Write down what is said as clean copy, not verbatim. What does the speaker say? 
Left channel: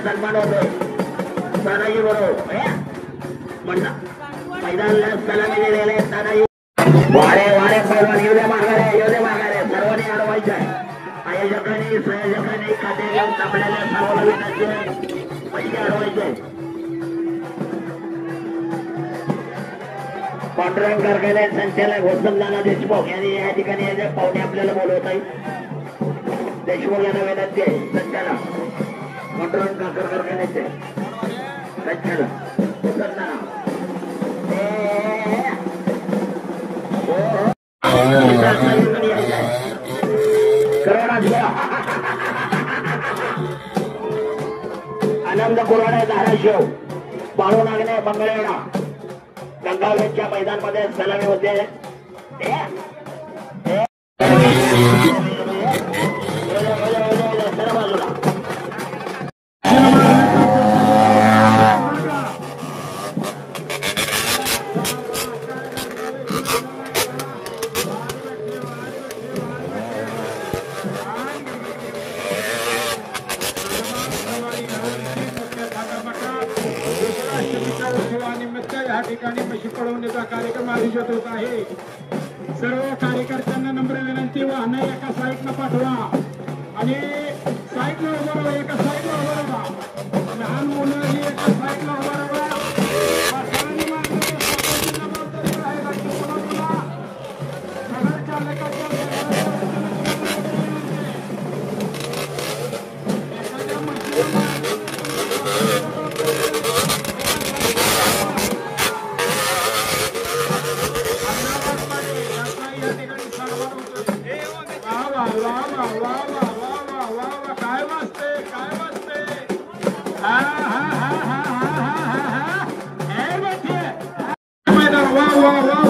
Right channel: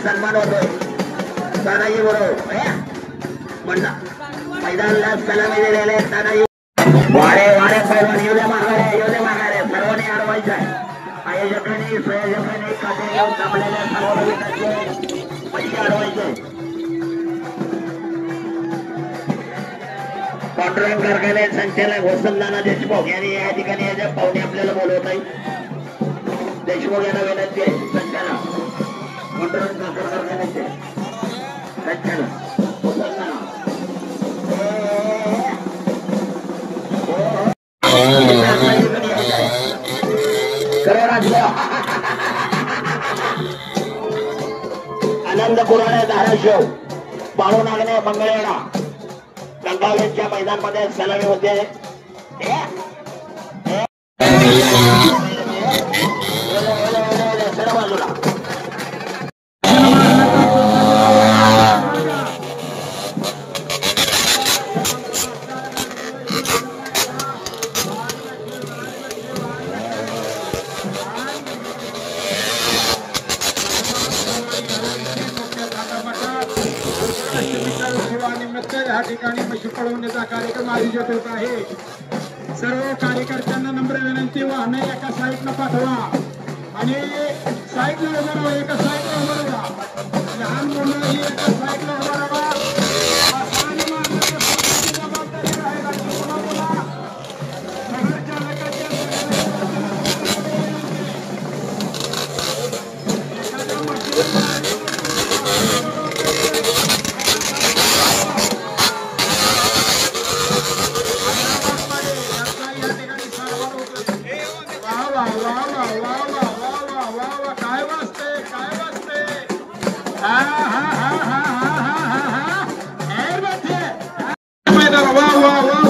सन्मान होतोय तानाजी बरोबर म्हणला मैदानाला सलामी दिलेले तानाजी वारे वारे पैलवान येऊ द्या माघारे सर्वांनी अडवायचं आहे आयोजकांनी संयोजकांनी खाते घेऊन थांबलेल्या सर्व पैसे अडवायचे पांडुरंग कारखाने संचालक वसंतनाना देशमुख यांनी या ठिकाणी याच्या पाहुणे आपल्याला बोलवत आहे देशमुख यांना विनंती आहे संचालक पांडुरंग कारखान्याचे संचालक वसंतनाना आनंद पुराणे धाराशिव बाळू नागणे मंगळवेढा गंगावेच्या मैदानमध्ये सलामी होते ठिकाणी पशु पळवण्याचा कार्यक्रम आयोजित होत आहे सर्व कार्यकर्त्यांना नम्र विनंती वाहने एका साईडला पाठवा आणि साईडला उभं राहा एका साईडला उभं राहा लहान मुलं एका साईडला उभं राहा wow.